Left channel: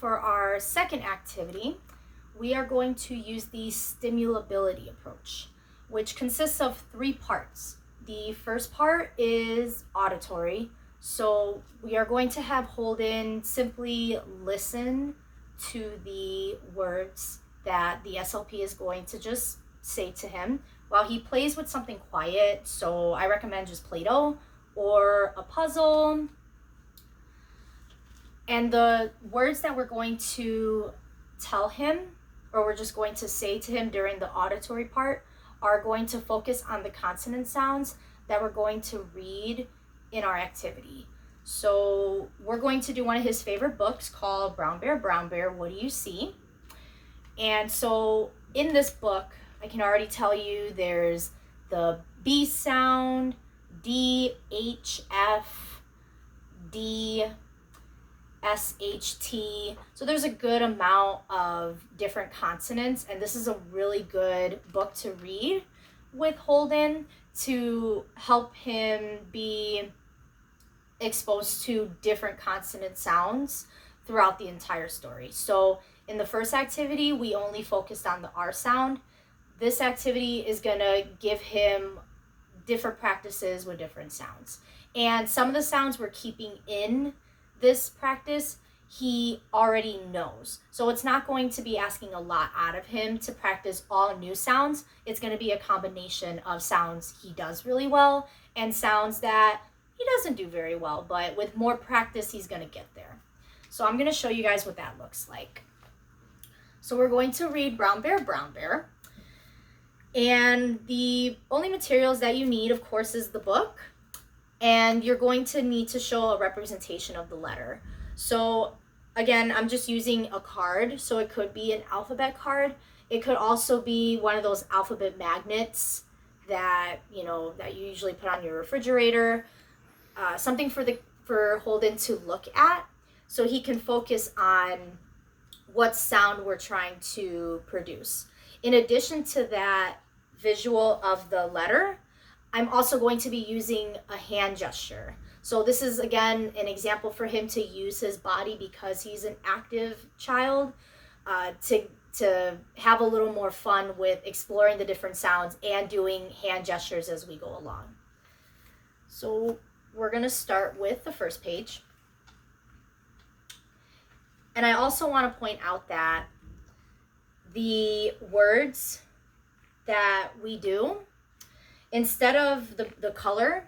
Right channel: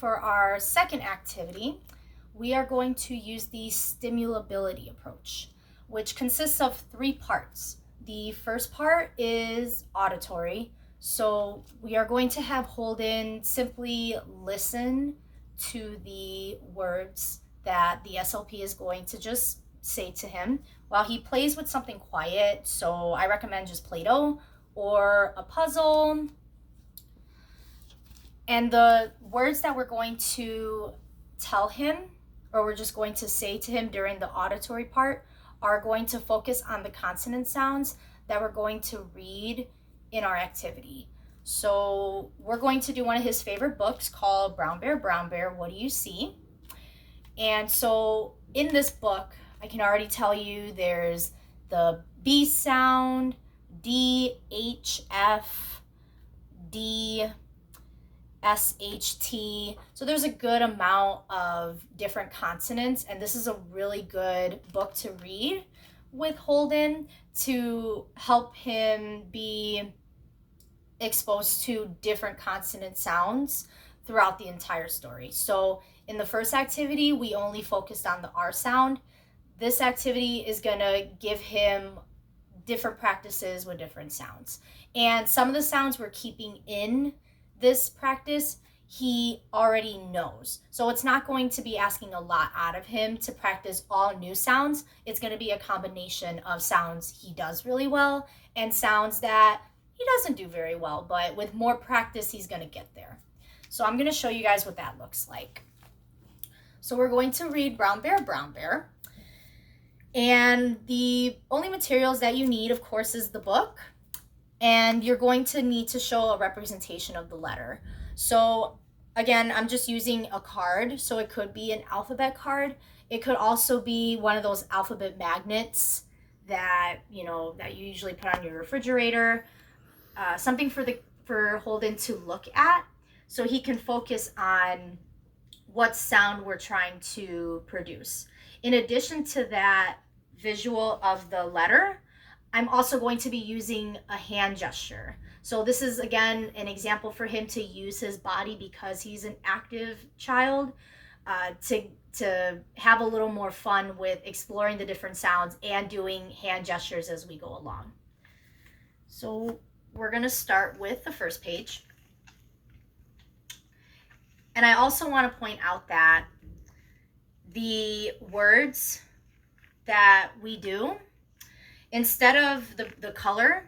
For our second activity, we are going to use the stimulability approach, which consists of 3 parts. The first part is auditory. So we are going to have Holden simply listen to the words that the SLP is going to just say to him while he plays with something quiet. So I recommend just Play-Doh or a puzzle. And the words that we're going to tell him, or we're just going to say to him during the auditory part, are going to focus on the consonant sounds that we're going to read in our activity. So we're going to do one of his favorite books called Brown Bear, What Do You See? And so in this book, I can already tell you there's the B sound, D, H, F, D, SHT. So there's a good amount of different consonants, and this is a really good book to read with Holden to help him be exposed to different consonant sounds throughout the entire story. So in the first activity, we only focused on the R sound. This activity is gonna give him different practices with different sounds. And some of the sounds we're keeping in this practice, he already knows. So it's not going to be asking a lot out of him to practice all new sounds. It's going to be a combination of sounds he does really well and sounds that he doesn't do very well, but with more practice, he's going to get there. So I'm going to show you guys what that looks like. So we're going to read Brown Bear. And the only materials that you need, of course, is the book. And you're going to need to show a representation of the letter. So again, I'm just using a card. So it could be an alphabet card. It could also be one of those alphabet magnets that you usually put on your refrigerator. Something for Holden to look at so he can focus on what sound we're trying to produce. In addition to that visual of the letter, I'm also going to be using a hand gesture. So this is, again, an example for him to use his body because he's an active child to have a little more fun with exploring the different sounds and doing hand gestures as we go along. So we're going to start with the first page. And I also want to point out that the words that we do, instead of the color,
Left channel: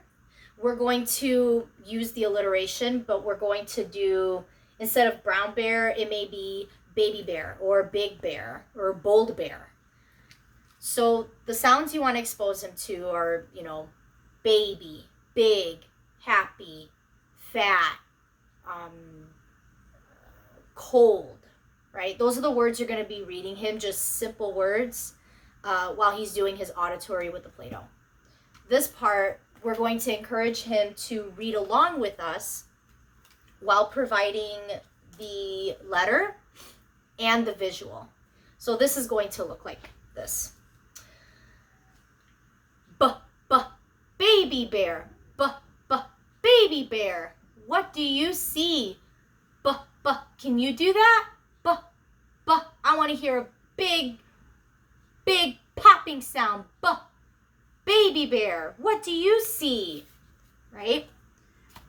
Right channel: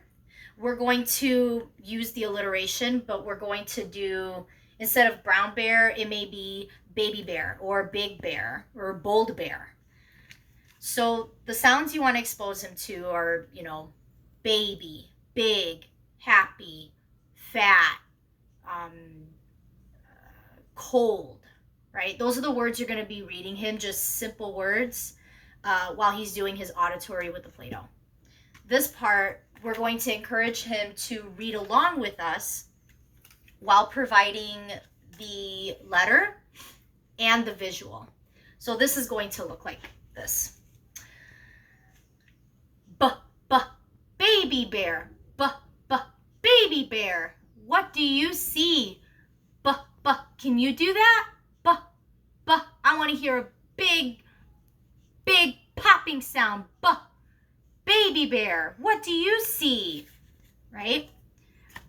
we're going to use the alliteration, but we're going to do, instead of brown bear, it may be baby bear or big bear or bold bear. So the sounds you want to expose him to are, baby, big, happy, fat, cold, right? Those are the words you're going to be reading him, just simple words, while he's doing his auditory with the Play-Doh. This part, we're going to encourage him to read along with us while providing the letter and the visual. So this is going to look like this. Baby bear. Baby bear. What do you see? Can you do that? I want to hear a big popping sound. Baby bear, what do you see? Right?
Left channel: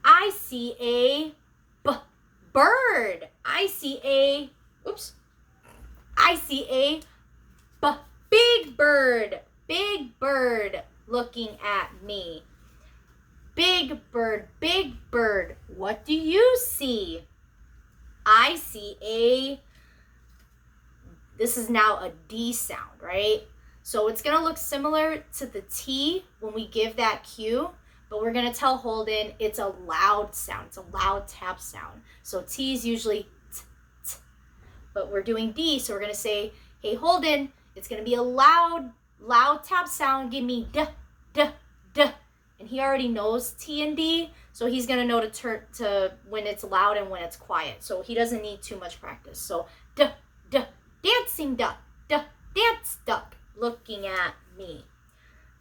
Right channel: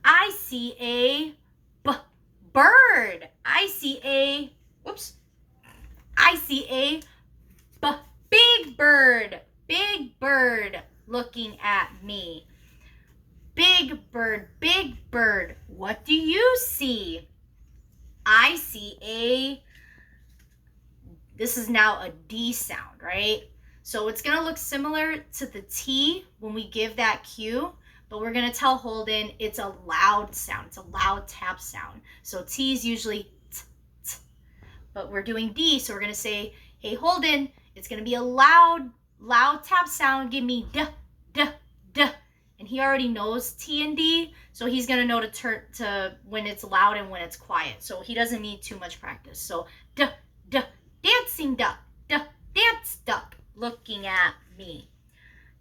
I see a bird. I see a big bird. Big bird looking at me. Big bird. What do you see? I see this is now a D sound, right? So it's going to look similar to the T when we give that cue, but we're going to tell Holden it's a loud sound. It's a loud tap sound. So T is usually t, t, but we're doing D, so we're going to say, hey, Holden, it's going to be a loud tap sound. Give me D. And he already knows T and D, so he's going to know to turn to when it's loud and when it's quiet. So he doesn't need too much practice. So D, dancing duck, dance duck. Looking at me.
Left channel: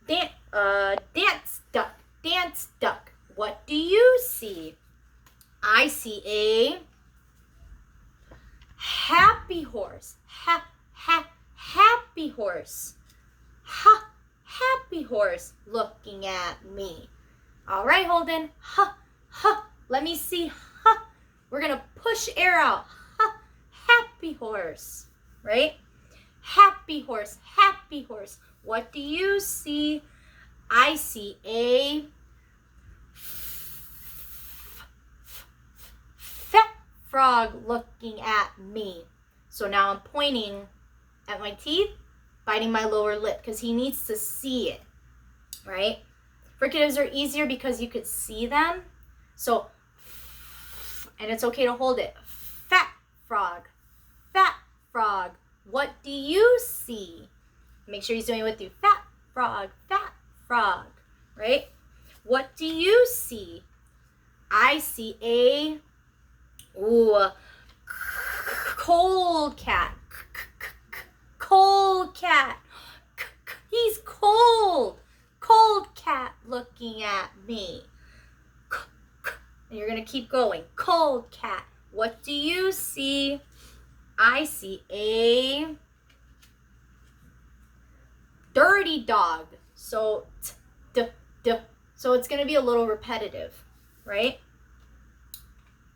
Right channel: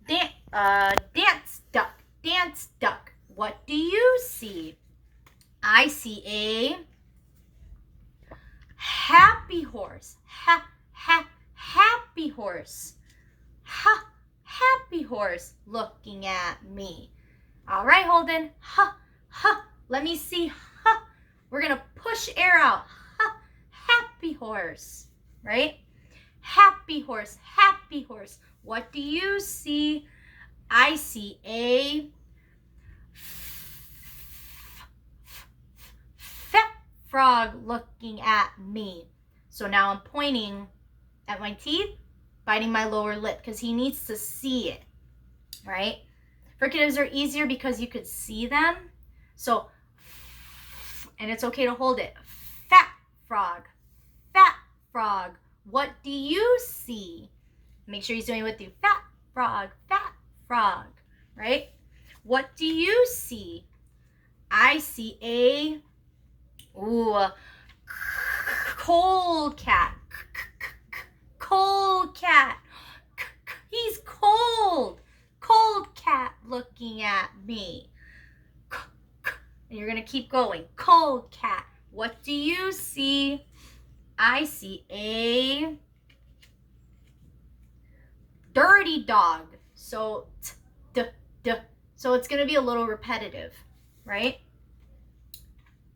Dance duck. What do you see? I see a happy horse. Happy horse. Happy horse looking at me. All right, Holden. Let me see. We're going to push air out. Happy horse, right? Happy horse. What do you see? I see a fat frog looking at me. So now I'm pointing at my teeth, biting my lower lip because he needs to see it, right? Fricatives are easier because you could see them. So, and it's okay to hold it. Fat frog. What do you see? Make sure he's doing it with you. Fat frog, right? What do you see? I see a cold cat. He's cold. Cold cat looking at me. And you're going to keep going. Cold cat. What do you see? I see a dirty dog. So, so it's going to be a little repetitive, right?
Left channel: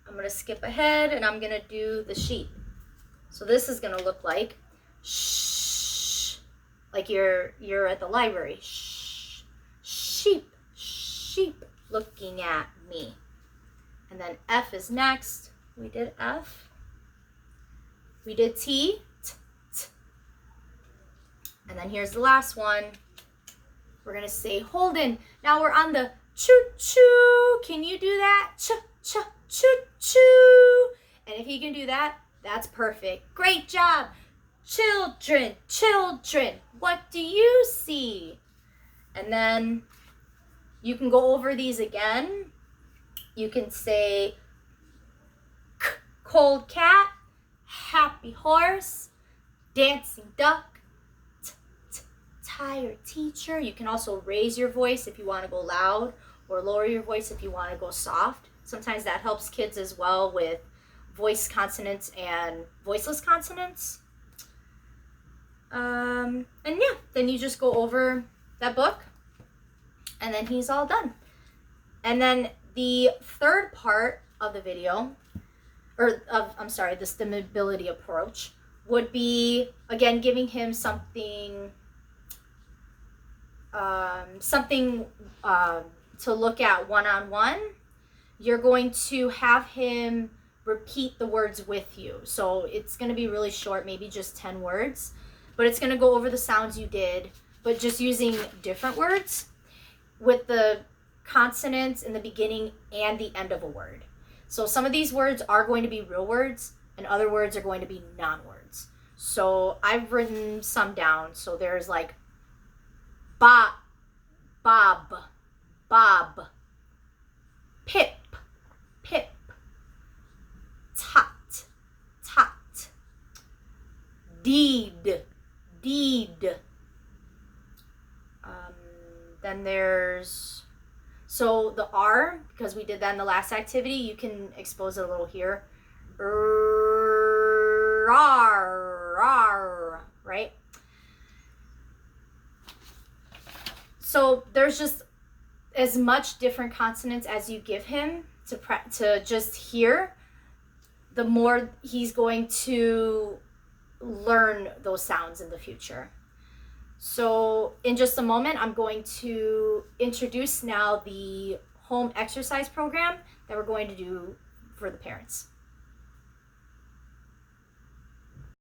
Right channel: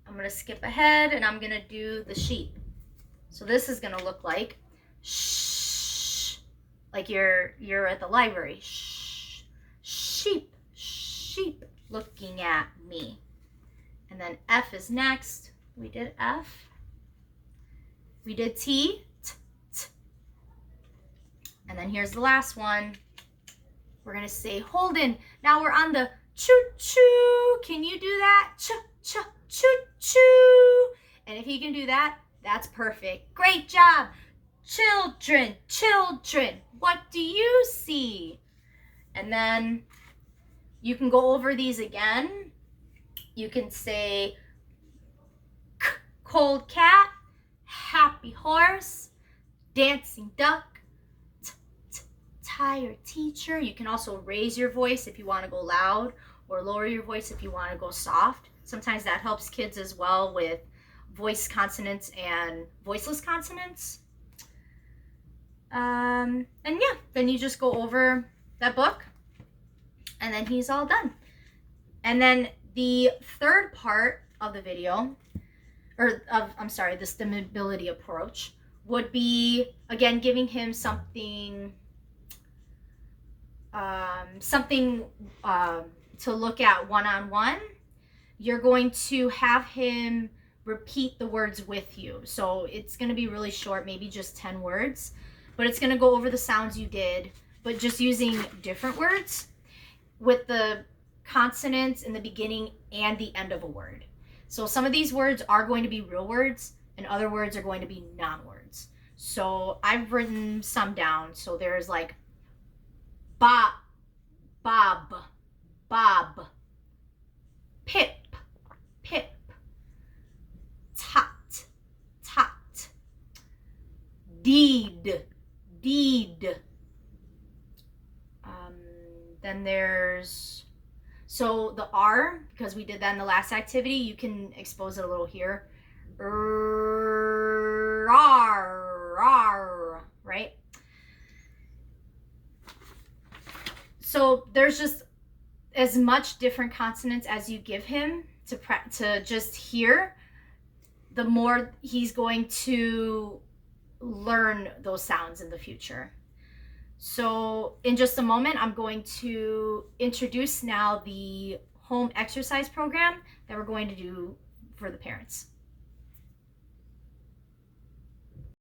I'm going to skip ahead and I'm going to do the sheep. So this is going to look like shh, like you're at the library. Shh, sheep looking at me. And then F is next. We did F. We did T. And then here's the last one. We're going to say Holden. Now we're on the choo-choo. Can you do that? Choo-choo. And if you can do that, that's perfect. Great job. Children. What do you see? And then you can go over these again. You can say cold cat, happy horse, dancing duck, tired teacher. You can also raise your voice if you want to go loud or lower your voice if you want to go soft. Sometimes that helps kids as well with voice consonants and voiceless consonants. And yeah, then you just go over that book and then he's all done. And then the third part of the video, the Stimulability Approach, would be, again, giving him something to look at one-on-one. You're going to have him repeat the words with you. So it's going to be really short, maybe just 10 words, but it's going to go over the sounds you did, but just using different words with the consonants in the beginning and the end of a word. So some of these words are going to be real words and other words are going to be non-words. So I've written some down. So there's like bob, pip, tot, deed. Then there's, so the R, because we did that in the last activity, you can expose it a little here. Right? So there's just as much different consonants as you give him to just hear, the more he's going to learn those sounds in the future. So in just a moment, I'm going to introduce now the home exercise program that we're going to do for the parents.